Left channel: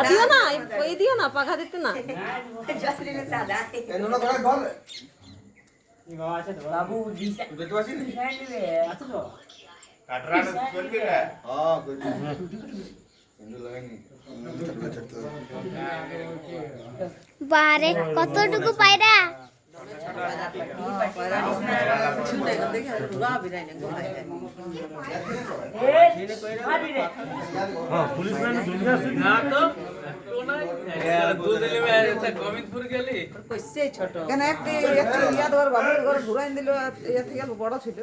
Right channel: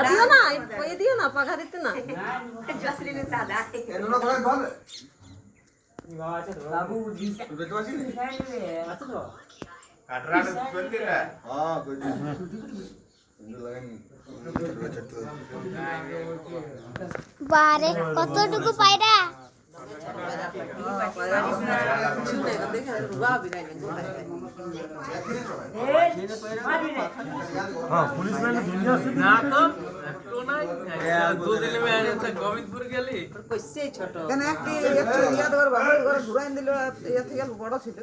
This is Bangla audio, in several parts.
দিও না, ওই দিও না, পাখা দিতে না। বাবু বারে কতটুকু পায়রা पुलिस लाइन दुनिया से ना तो दो दिन में गोविंदपुर गेली কইছে ছোট কেন একটি ইয়া তোর বাবার ঘরে ঘুরাই দিল ইয়া থেকে বড় ছিল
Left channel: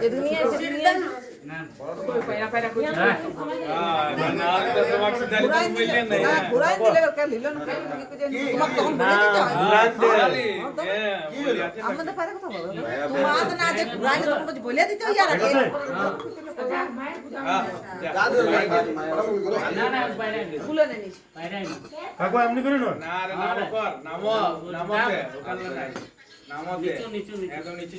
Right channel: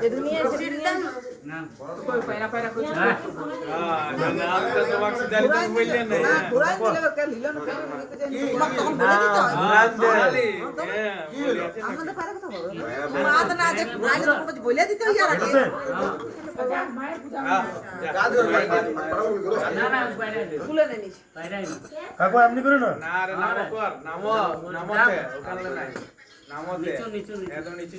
এই দুনিয়া এসে দুনিয়া না কই পায়রা পায়রা কই না তো বাক্স দালি তো বললেন না ঘুরাই দিলে ওর লিল না তোমাক তখন বলে দিতে আমাদের পায়রা কথা বলো মা তো না যে ঘুরাই দিলে কিছু বলে দিতে ইয়ার আগে ফুলে নেই কাকু এমনি করে না না রে নাম কর নামতে ওখানে নাই নামতে নিচু নিচু